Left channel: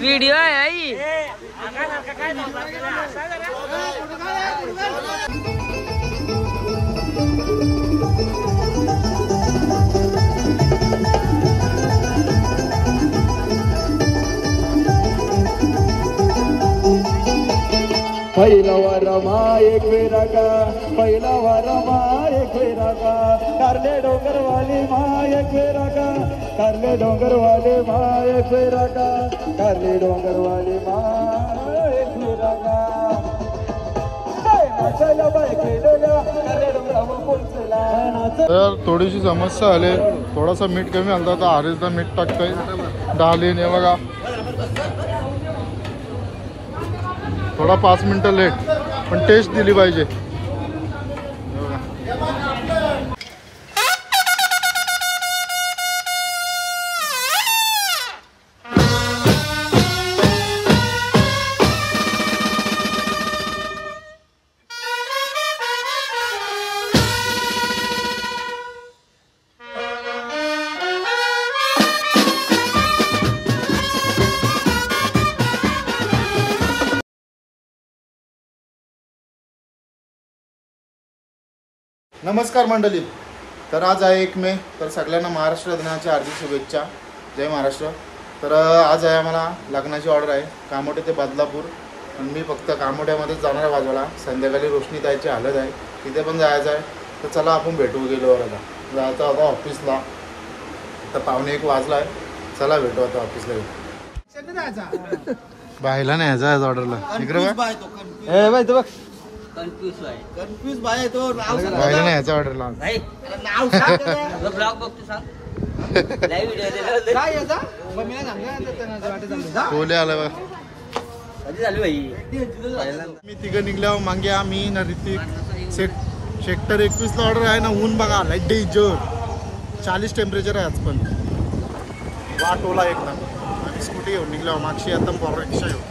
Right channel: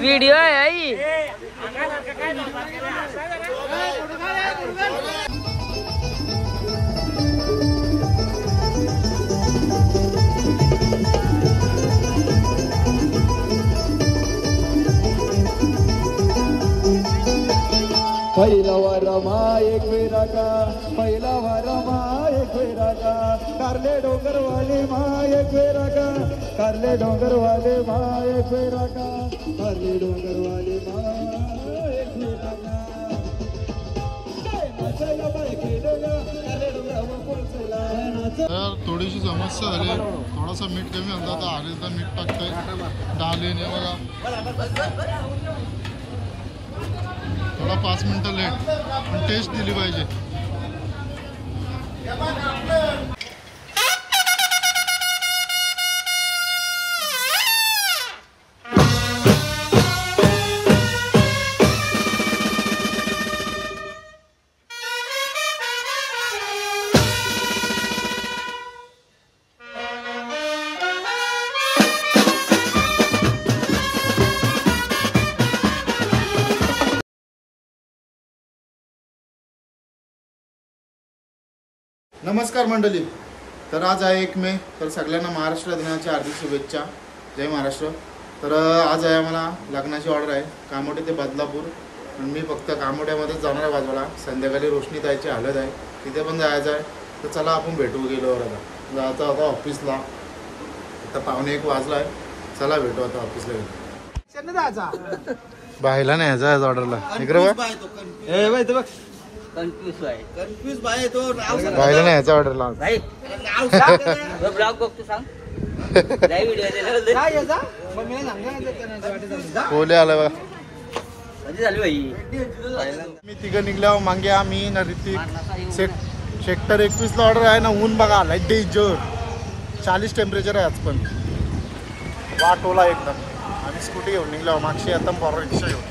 Video है आई पहिला वारमा एक फेरा का पहिला वारमा एक फेरा का कारले डोंगरवाले मा एक फेरा का कारले डोंगरवाले मा एक फेरा का कारले डोंगरवाले मा एक फेरा का तर थोडीशी समस्या आली थोडासा मीठ कमी आलता तर आरेचा मीठ टाकतोय डालीन हे बघा थोडा 5 मिनिटं लेट पण टेस्ट दिली पाहिजे नमस्कार मंडळी तर आज आहे 1 मे तर सगळ्यांना महाराष्ट्र दिनाच्या हार्दिक शुभेच्छा जय महाराष्ट्र तर आज आहे आम्हाला लग्नाची ऑर्डर आहे कामोठे ते बदलापूर पण मी फक्त कामोठ्यामध्येच जाणार आहे बाजूला संध्याकाळी रोशनी ताईची हालत आहे तिथे पण जायचं आहे तर चला आपण भेटू गेल्यावर आता जायचं आता ऑफिसला तर 1:45 वाजला आहे चला भेटू आता ऑफिसला बायला नाही यायचं ऑर्डरला इकडे बघ कन्फ्यूज बाय तो बायला नाही यायचं ऑर्डरला नाव सांग ब्लॉग बघतो सांग काय याचा मम्मीला सांगा बोले आलं बघा कधी झाली भाई मी तिघं निघल्यावर मांग्या मी ना ऋतिक सेक्टर 21 ला ऑर्डर आहे ना ऊन बघा लाईट डेंजर 40 टेम्परेचर आहे आज पण वाट ओला एकदम आम्ही स्कूटी घेऊन निघल्यावर मागशी आता फॉर रिक्षा घेऊन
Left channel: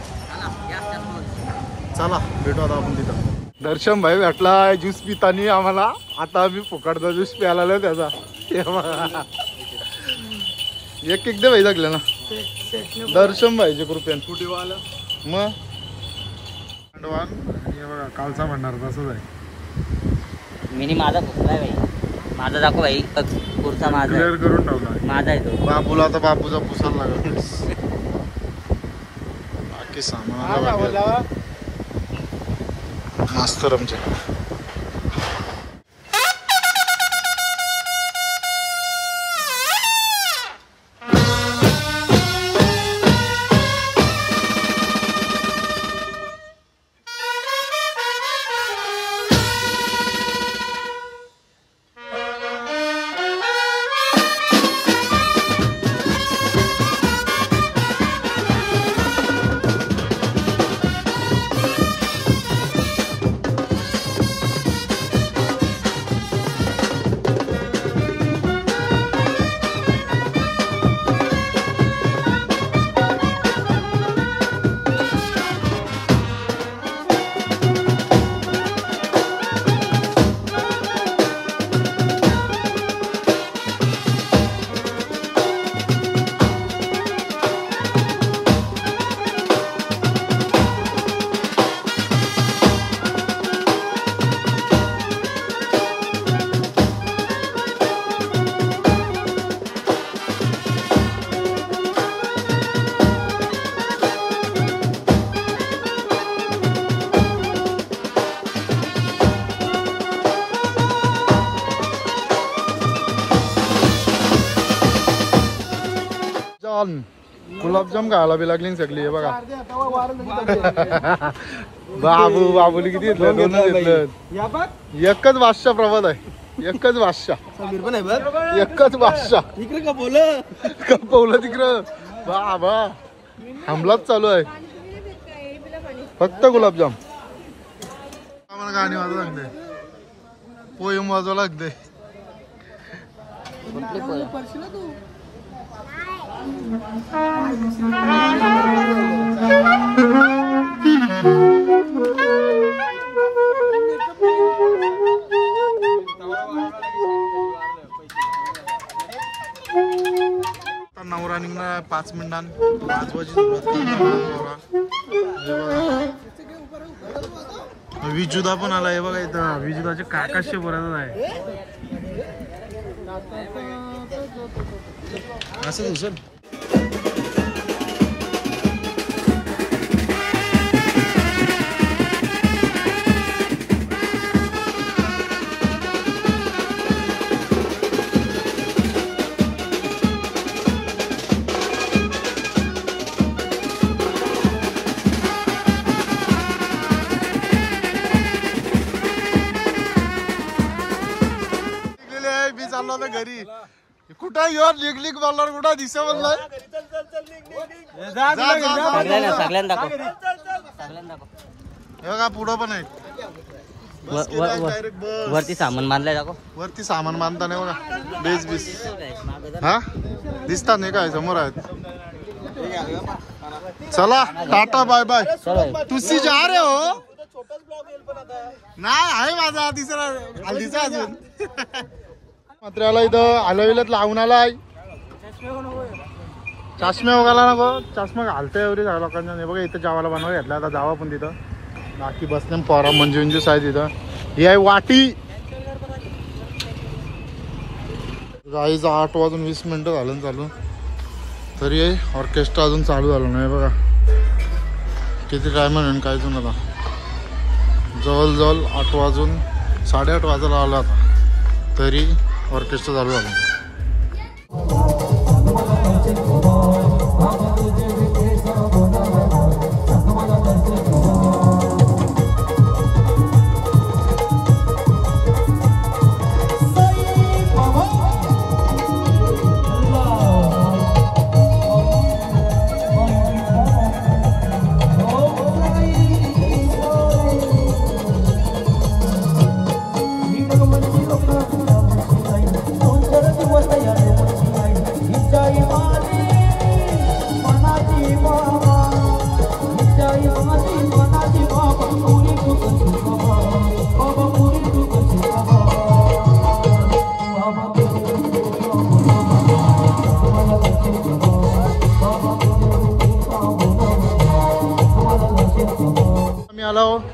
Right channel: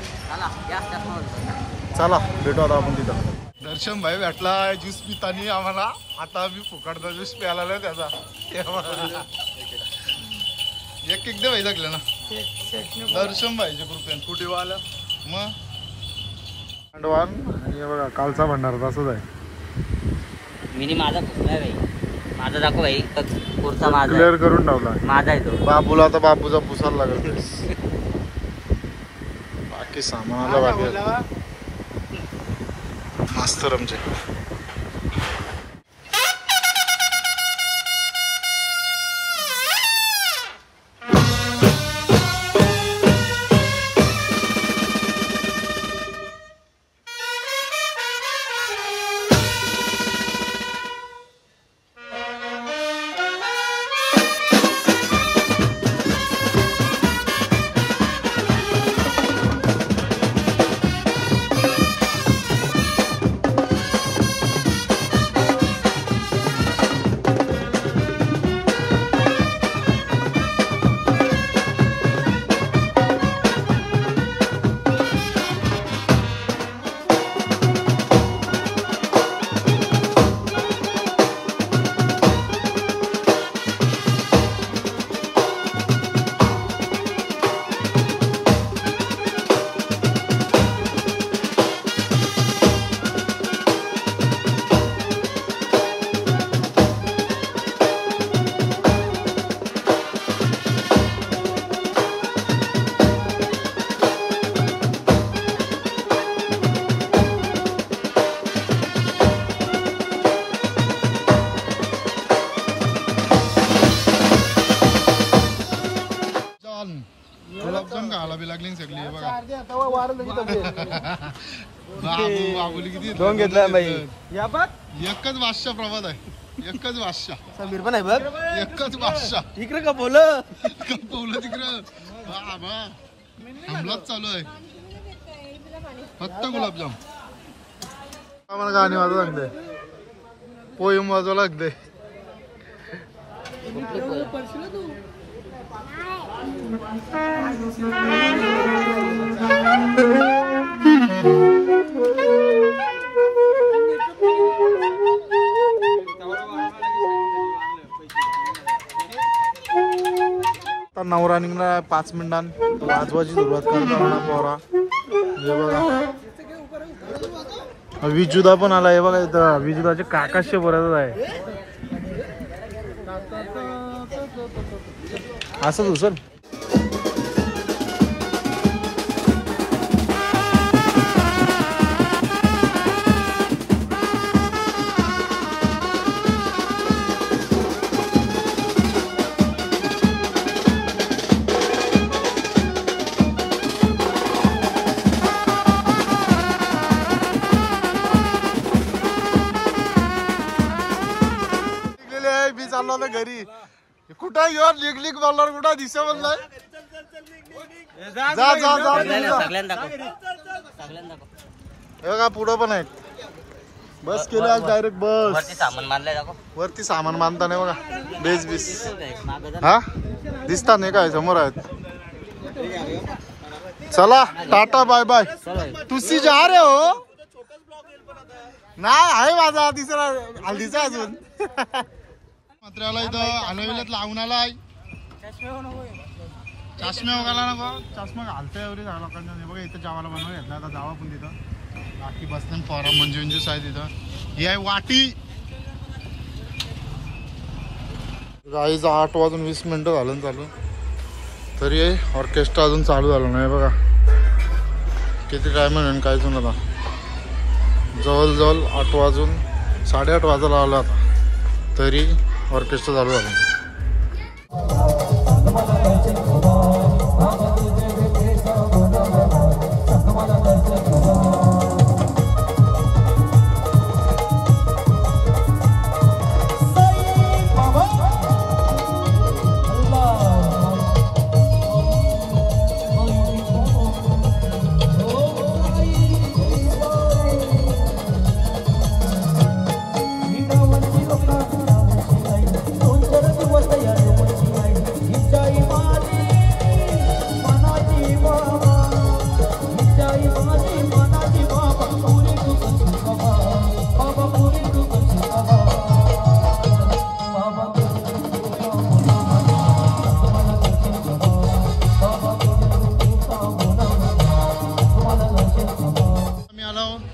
चला भेटू आता आपण तिथं दर्शन भाई भेटला ज्यूस पितानी आम्हाला आता आम्ही फुकटचा ज्यूस प्यायला आलो त्याचा एक दे भाई लागले ना दर्शन भाईचे कृपयान स्कूटीवाला मग भांडवान आणि बघा कालचा भंडारा तसंच आहे मिनी माझा फुकलाय भाई माझा दाखव भाई पुढचा माझा क्लिअर करून ठेवला माझा आहे तो बाबूला तर बाबूचा पुसायला लागल बाकी सामानाला बाकी मास्तर आमचे गुलाबजाम खायला बी लागली सगळी बघा बाबू बाबूली किती एकच बादशाह प्रभात आहे एकच बादशाह एकच बादशाह इकडे कपवलं तिकडं बाबा हमलाच चालू आहे फक्त गुलाबजाम आम्हाला गाणी वाजवा लागते पोयम वाजवा लागते काय 5 मिनिटांत वाजवायची सुरुवात करतो पोरा. हे बघा विजुदा पण आला. हे बघा इथं विजुदाचे काकाशे बरंच आहे. असंच उचल. मी चाललो होतो घरी. कुठं येऊन लिग बोलणार कुठं दिसे बोललाय. का पुढं पण आहेत. बस केले डायरेक्ट बस. वरती सामान मानलंय दाखव. वरती सामान मानता नाही बघा. बेस बीस हा दिसतात नाही काय समोर आहेत. चला टाटा बाय बाय. तुसी जा रे हो. नाही आहे माझा तिसरा हल्दीचा अजून. मात्र्याला इथं हलविल्यात लावून आलाय. चष्मे वगैरे ना बघ. चष्मा घालतोय एवढी सगळ्या लोकांना. नाही बघा इथं जावाला बनवायला घेतला. आता जावा पण तिथं बाकी बसले पोरा मंजूस आहे तिथं. ही आहे वाटी. गाईचं 8:20 झालं चालू. तरी ऑर्केस्ट्रा अजून चालू झालं नाही बघा. किती टाइम म्हणून काय पण आता जवळजवळ 8:08 वाजायला आला आता. तरी ऑर्केस्ट्रा चालू झालं.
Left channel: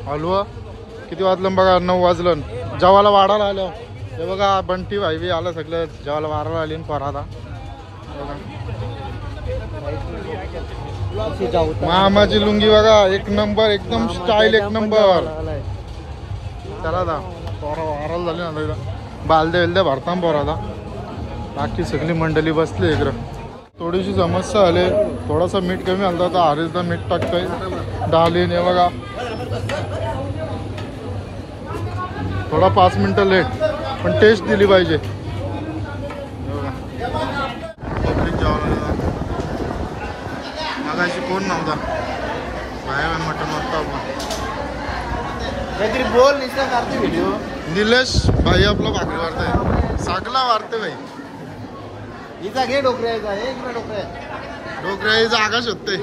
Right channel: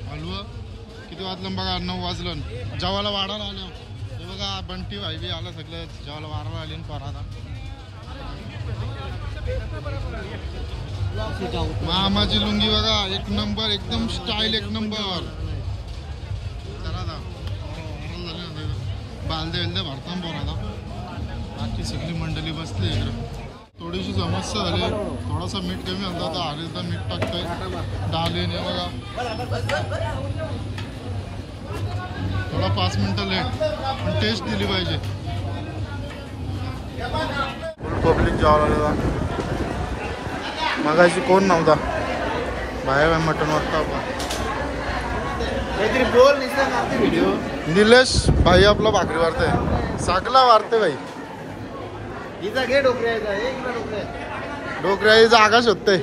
हलवा किती वाजलं बघा. 9 वाजलं. जेवायला वाढायला आलं. हे बघा बंटी भाई बी आलं सगळं जेवायला वाढायला आली. परादा मामाची लुंगी बघा एक नंबर. एकदम स्टाईल एक नंबर. चला आता पोरा वारायला झाली ना. बालदे वेलदे भरता पोरादा. बाकी सगळी मंडळी बसली इकडं. थोडीशी समस्या आली. थोडासा मीठ कमी आलं तर हरीचा मीठ टाकतोय. डालीन हे बघा थोडा 5 मिनिटं लेट पण टेस्ट दिली पाहिजे. पब्लिक जेवायला मगाशी कोण नव्हता. बाहेर मटन वाटतं निलेश भाई आपला भाकरी वारतोय. सगळा वारते भाई. डोकऱ्या आकाश होते.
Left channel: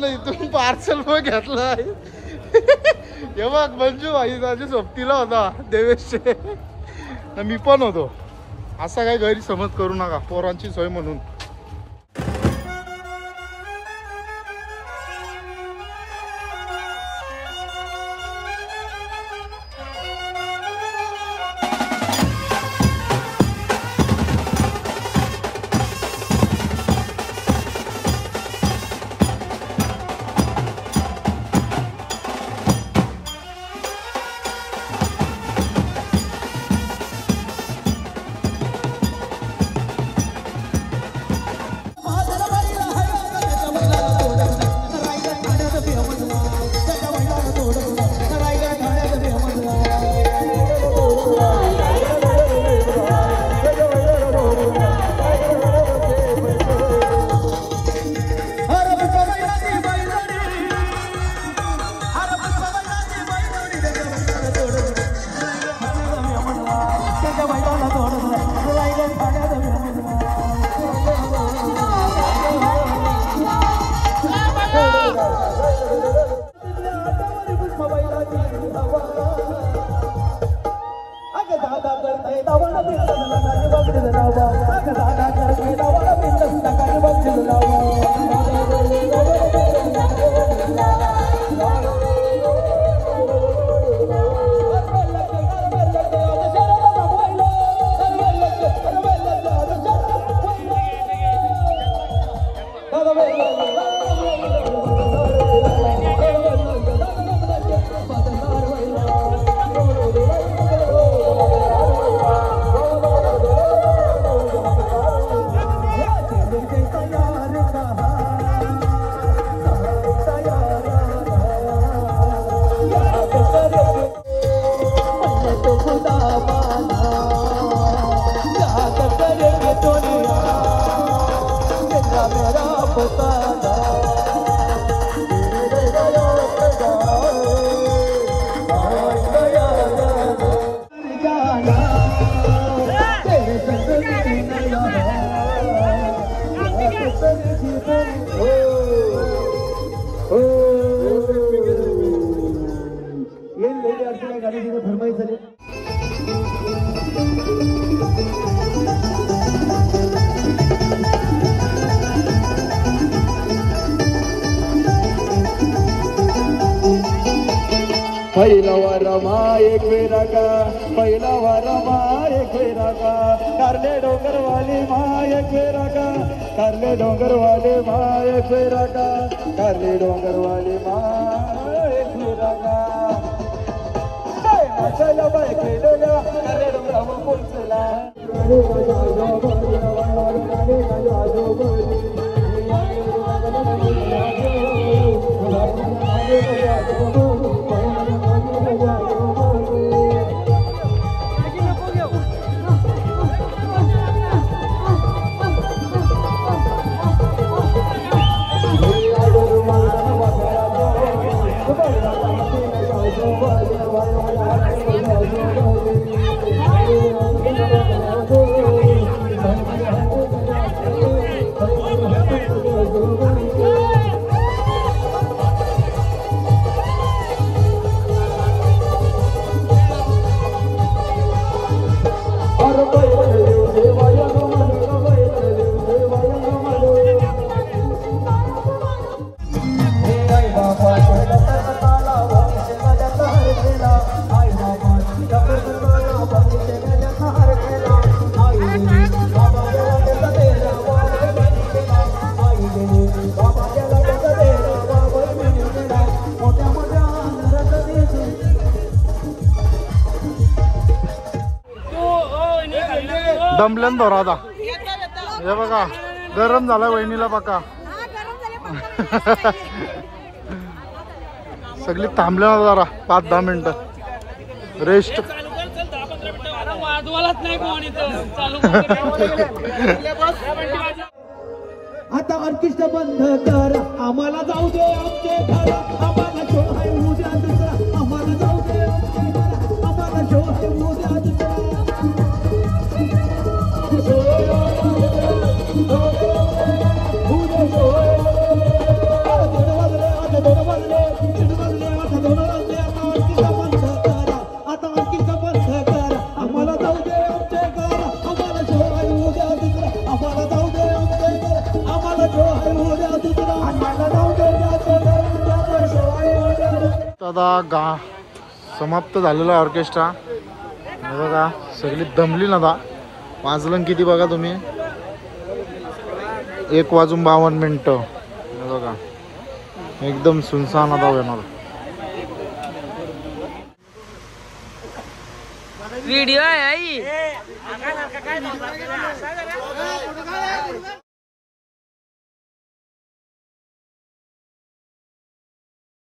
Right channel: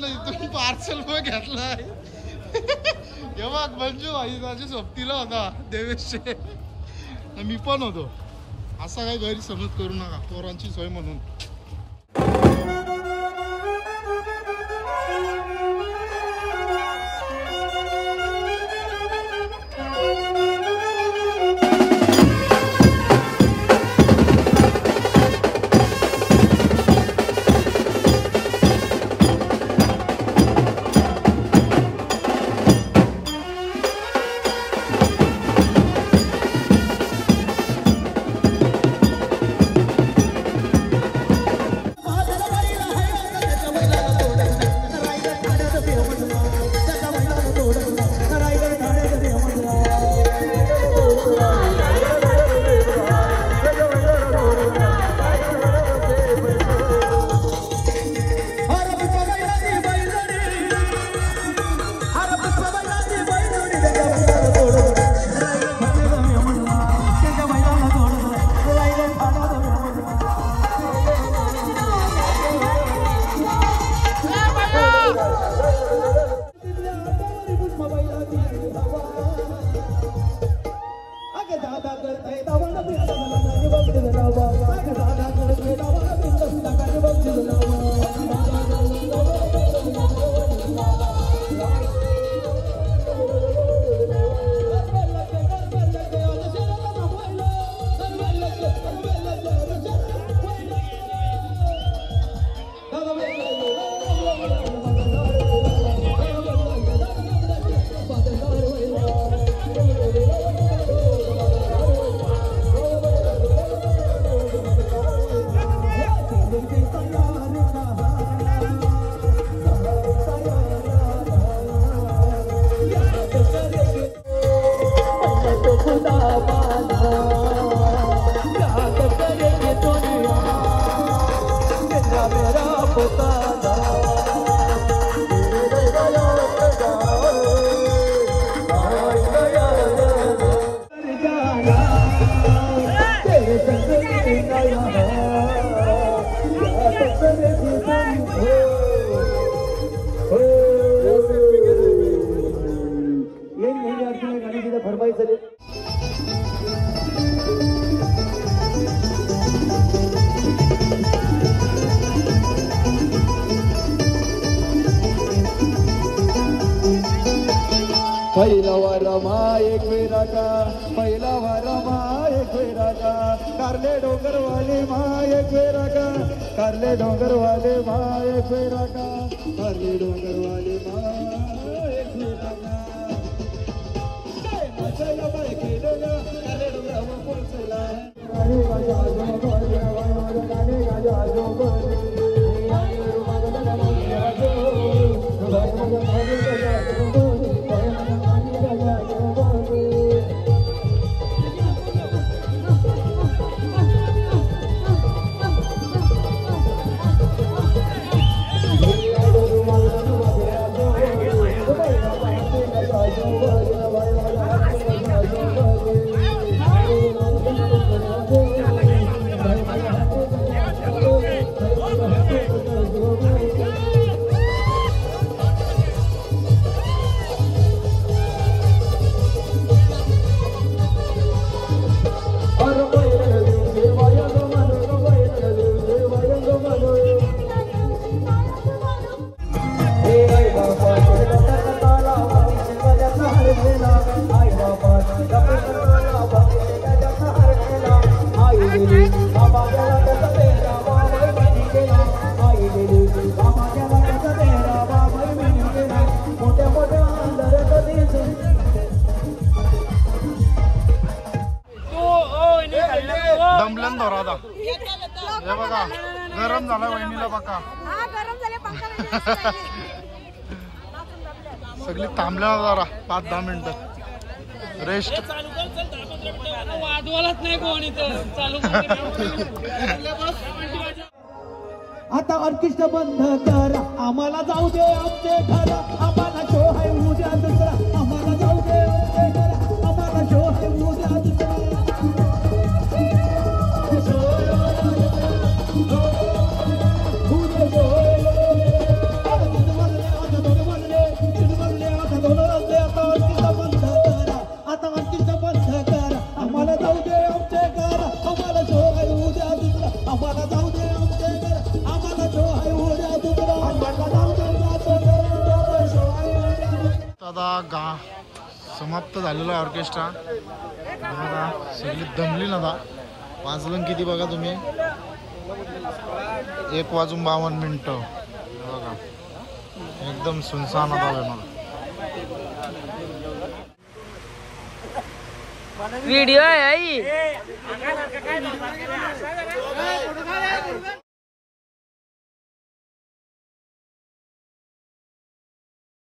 नाही तुम्ही पार्सल पण घेतलाय. हे बघ मंजू भाई माझ्या सोबतीला होता देवेश. मी पण होतो. असा काही गैरसमज करू नका. पोरांची सोय म्हणून. पहिला वारमा एक फेरा का पहिला वारमा एक फेरा का कारले डोंगरवाले माय एक फेरा का कारले डोंगरवाले माय एक फेरा का कारले डोंगरवाले माय एक फेरा का मसाला बाय केलेला कारले डोंगरावर पोचला दमल्यान धरा आता हे बघा गरम झाला वहिनीला बघा सगळी थांबल्या जरा 5-10 मिनिटं रेस्ट वाजवालाच नाही कोण इथं चालू आता ऑर्केस्ट्रा बंद कर आम्हाला जाऊ दे आमचे घर आम्हाला शो आहे उद्या दुसरा आम्हाला जाऊ दे आमचे घर आम्हाला शो आहे उद्या दुसरा समाप्त झालेला ऑर्केस्ट्रा बघा सगळी दमली ना आता वाजलं किती बघा तुम्ही 1:52 बघा एकदम सुनसान होता वेनॉल व्हिडिओ आहे आई